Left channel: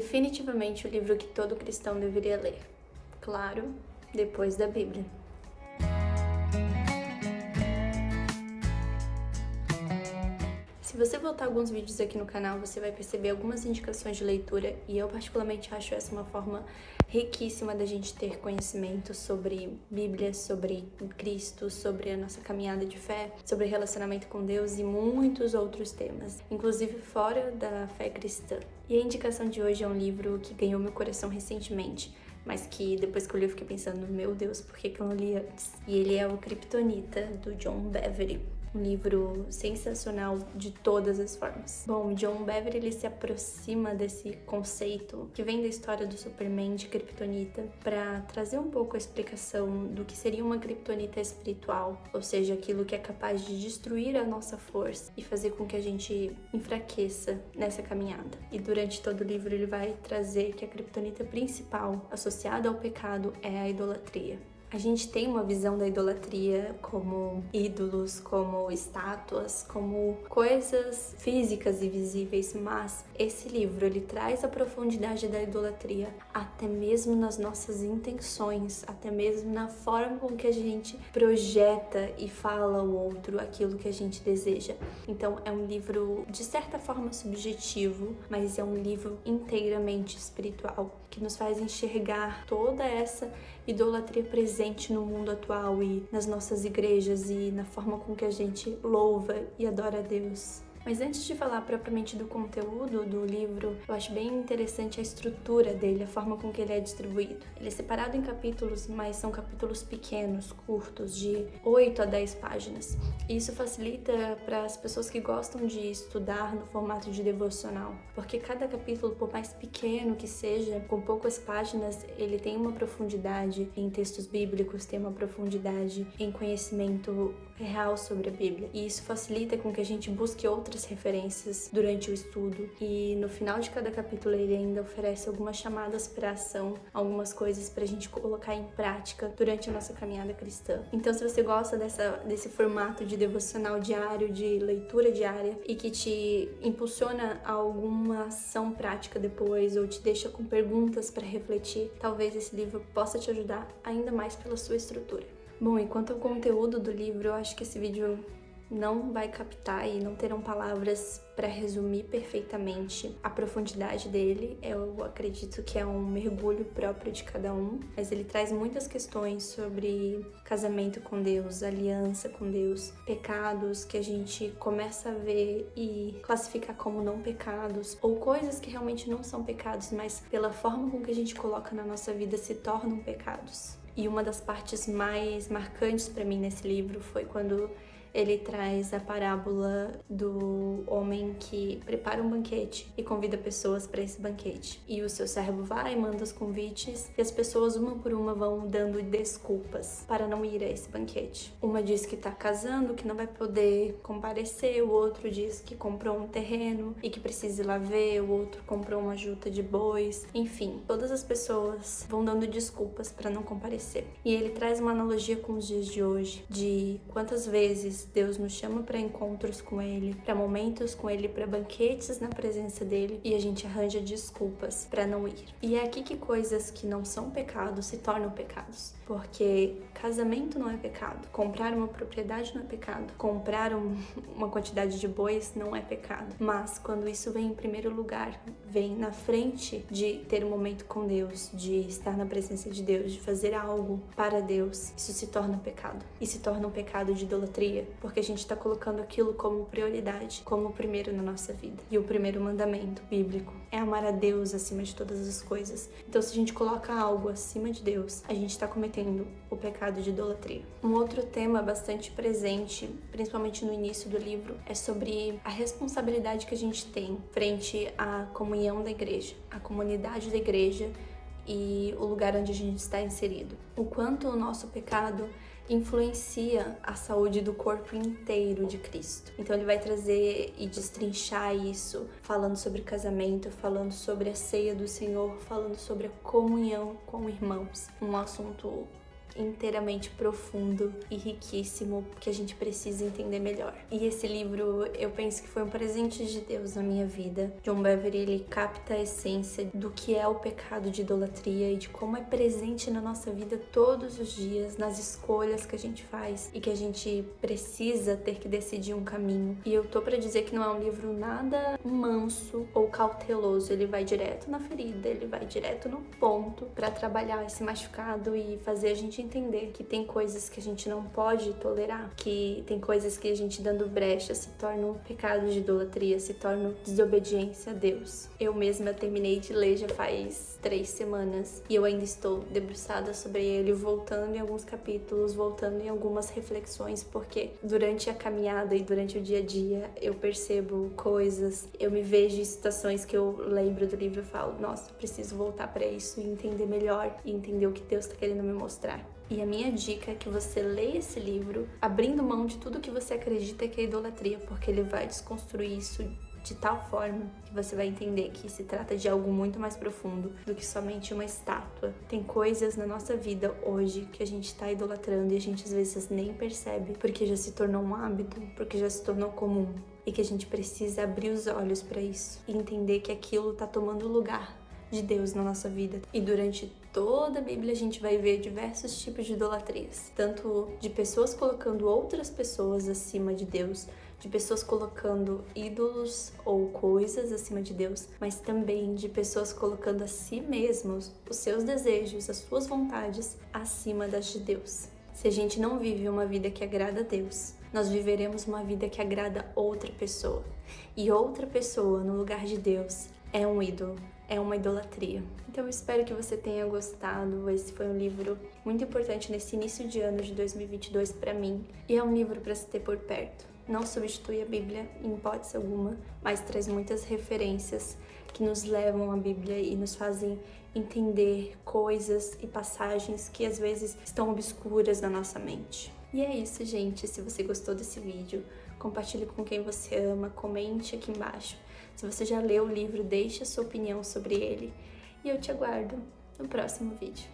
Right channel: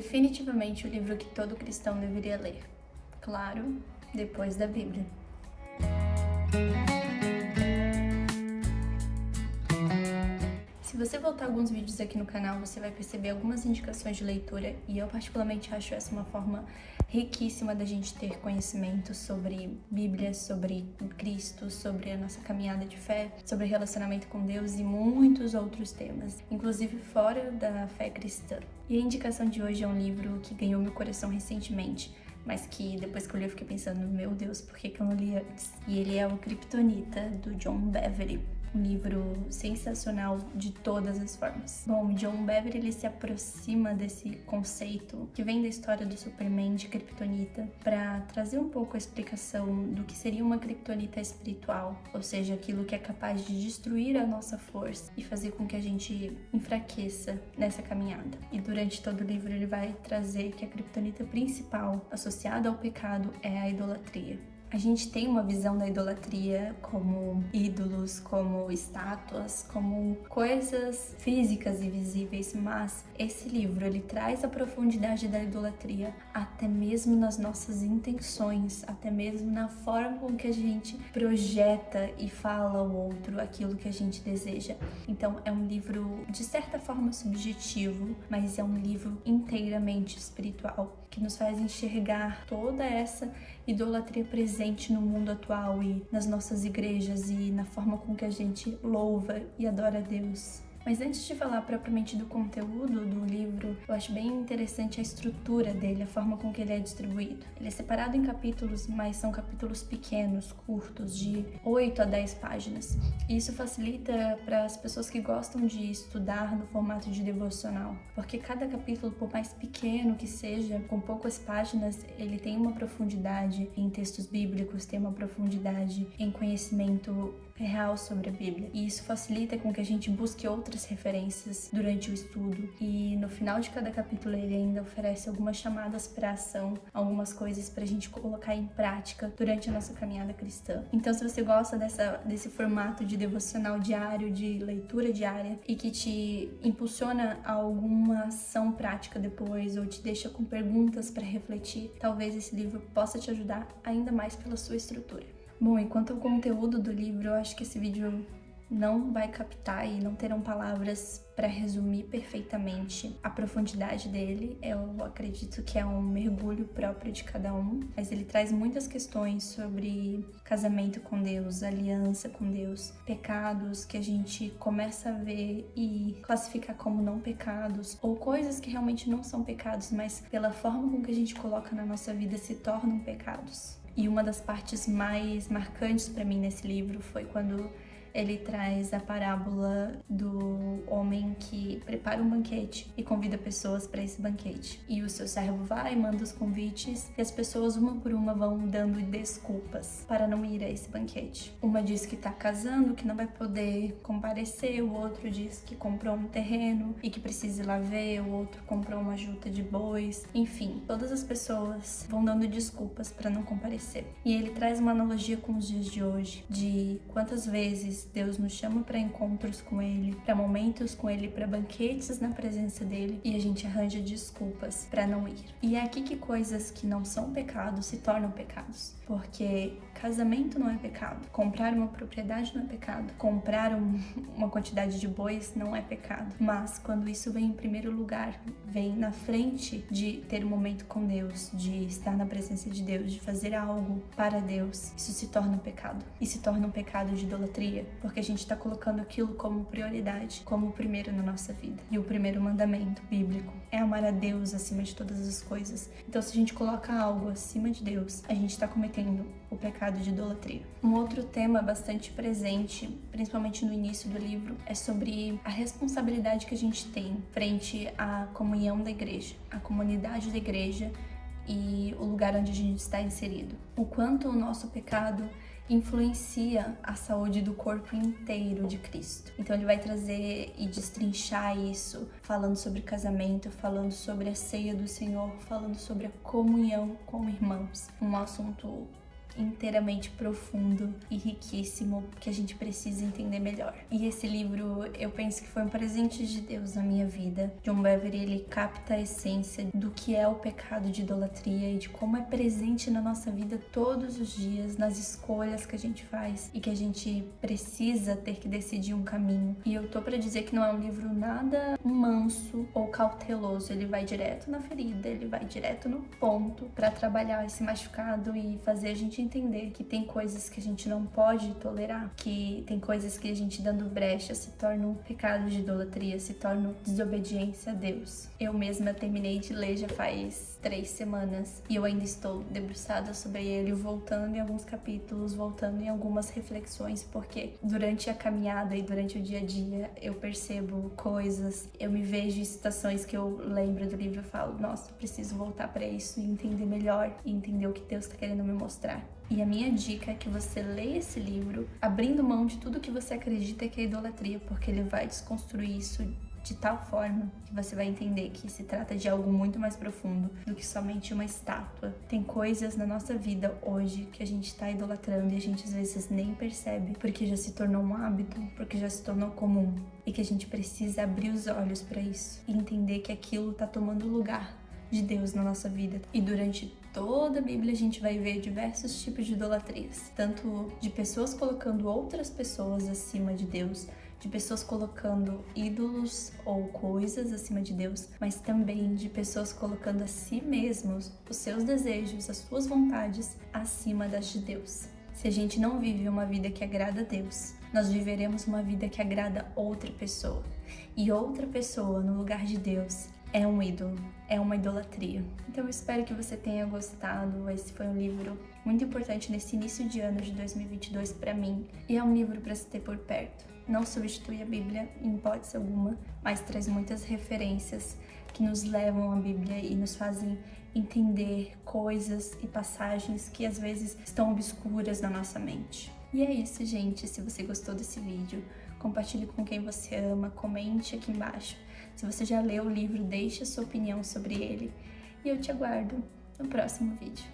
definitivamente o livro que todo cristão deveria ler. Claro, depois da Bíblia. Se você voltar alguns vídeos aqui no canal, você vai perceber algumas indicações de leitura e eu particularmente acho essa uma forma riquíssima da gente ter conhecimento sobre Bíblia, sobre Cristo, sobre a nossa caminhada de fé, sobre relacionamento com Deus e muitos outros temas, inclusive fora da fé cristã. E a indicação de hoje é um livro que ganhou meu coração recentemente, mas que depois que eu li eu fiquei pensando, meu Deus, por que eu não li antes? E ele é o Kryptonita, do John Bevere. Um livro sensacional de todas as formas. Bom, John Bevere, ele se aproxima desse conceito que vem da história do Superman de Kryptonita para trazer um pouco a explicação do que seria uma Kryptonita espiritual, ou seja, aquilo que é capaz de destruir a nossa força e fazer com que a gente enfraqueça nessa caminhada. E durante todo o livro ele vai trazer que a Kryptonita principal associada ao pecado é a idolatria. A gente tem uma visão da idolatria como ídolos, como estátuas, como coisas físicas e visíveis, mas esse livro ele traz a profundidade da idolatria até mesmo nas nossas intenções, até mesmo na forma com que a gente projeta e fala ao outro aquilo que a gente deseja. Então é um livro de certa forma subjetivo, mas é um livro inteiramente espiritual, que nos faz enxergar toda essa idolatria presente no mundo atual e nas nossas igrejas e na forma com que a gente louva e adora a Deus. Mas antes de falar propriamente do conteúdo do livro, eu acho bem interessante a estrutura dele, a forma com que ele é distribuído. Ele é separado em capítulos, mas são capítulos pequenos, curtos, de 8 a 10 páginas. E isso facilita para as pessoas que gostam de estudar no formato de devocional, porque cada capítulo, por mais pequeno que seja, com poucas páginas, ele tem uma profundidade em textos bíblicos, tem uma profundidade em conhecimento real sobre a Bíblia. E isso facilita com que a gente busque outras referências durante o estudo. E no final de cada capítulo ele ainda oferece algumas chamadas para ação, algumas coisas para a gente colocar em prática durante a nossa caminhada cristã. Então, se você gosta desse formato de devocional diário, de leitura diária e que te impulsiona a alguma ação prática depois ou te deixa com perguntas para refletir, talvez esse livro possa te ajudar ainda mais pela sua estrutura. Bom, e quanto ao conteúdo do livro, eu acho que esse vídeo não vai captar e não terão palavras para resumir perfeitamente a profundidade dele. Eu acredito que é um mergulho próprio de cada um, mas ele traz muitas questões sobre casamento com Deus, aliança com Deus, pecados que a gente começa a ver e classificar como não pecados, ou coisas que realmente não são pecados, mas pela forma com que a gente coloca na nossa vida se tornam pecados. E uma das partes mais marcantes para mim nesse livro foi quando ele traz a parábola do homem que prepara um banquete e convida pessoas para esse banquete. E o seu servo vai, manda os convites e as pessoas uma por uma vão dando desculpas para não ir a esse banquete. Uma diz que está casando, que não vai poder comparecer, o outro diz que comprou um terreno e que precisa ir lá ver, o outro comprou uma juta de bois. Enfim, todas as pessoas vão dando desculpas para não comparecer. E ele traz uma analogia com os dias de hoje, de quantas vezes Deus nos chama para encontros com Ele, para momentos com Ele, para banquetes na presença dele e a gente arranja desculpas para não ir. E é aqui que coisas que não são pecados se tornam pecados, porque casamento não é pecado, comprar uma propriedade não é pecado, comprar uma quantidade de bois não é pecado, mas quando isso vem em primeiro lugar, vem na frente de ter um momento com Deus, de estar na presença de Deus, de fazer algo para Deus, isso se torna um pecado. E se torna um pecado de idolatria, porque a gente está colocando aquilo como prioridade, como o primeiro na nossa vida. E o primeiro mandamento bíblico é amar a Deus acima de todas as coisas. Então, se a gente coloca algo acima de Deus, a gente está cometendo o pecado de idolatria. Um outro tema bastante presente, principalmente no início do livro, é sobre a responsabilidade que a gente tem frente à comunhão da igreja, à comunidade da igreja e o lugar onde a gente está inserido. O quanto o nosso pecado influencia a saúde do corpo inteiro de Cristo. Então ele vai trazer e destrinchar isso, falando sobre casamento, falando sobre a ceia do Senhor, falando sobre a comunhão com irmãos. Um assunto inteiramente profundo e riquíssimo que a gente precisa entender melhor. E esse livro, eu penso que foi um presente de Deus na minha vida. John Bevere, ele capta a essência do que é o pecado de idolatria e de como é presente na nossa vida todos os dias, nas escolhas que a gente faz e que a gente precisa ter que decidir um caminho. E eu tô pra dizer que não é um livro nada manso ou cauteloso, ele vai direto na ferida, ele vai direto no ponto pra trabalhar esse machucado e fazer a gente entender que tem coisas que a gente não pode tolerar, que tem coisas que a gente dando brecha se torna um pecado de idolatria, se torna desobediência a Deus. Eu mesma terminei de ler já faz 3 semanas e eu ainda estou debruçada sobre ele, voltando em alguns capítulos, voltando em algumas reflexões, porque durante a caminhada e durante o dia a dia eu percebo coisas, eu me vejo em situações que eu lembro do livro e falo, nossa, preciso voltar para isso e entender melhor e entender o que Deus está querendo me mostrar. E a minha dica é que você leia esse livro abrindo mão de tudo que você acredita que é idolatria, porque ele vai desconstruir isso de tal forma que você vai entender que se trata de algo muito mais profundo do que somente uma estátua. Tem coisas na nossa vida hoje que a gente está idolatrando e a gente às vezes nem percebe porque já se tornou um hábito, porque já se tornou comum e que a gente precisa abrir os olhos para isso e entender que aquilo está tomando lugar de Deus na nossa vida. E durante toda a Bíblia a gente vai ver diversos tipos de idolatrias, tanto de pessoas colocando outras pessoas acima de Deus, de pessoas colocando ídolos ou coisas acima de Deus, mas também de pessoas colocando a si mesmos, os seus desejos, as suas vontades acima das de Deus. Se a gente não vive uma vida que agrada a Deus, nós viveremos uma vida que agrada outra pessoa. E outra pessoa no lugar de Deus é um ídolo, é uma idolatria. Então eu espero que você tenha gostado. Esse foi um livro muito importante nesse início de ano de 2022 para mim. E é um livro para se ter por perto. Não substitui a Bíblia em hipótese alguma, mas traz muitas referências que nos levam à Bíblia e nos fazem entender coisas e passagens que às vezes estão obscuras na nossa mente. E é isso, gente. Se você gostou desse vídeo, compartilhe com quem você ama, comente aqui embaixo. Se você já leu o livro, deixe a sua opinião sobre ele. E eu te aguardo no próximo vídeo.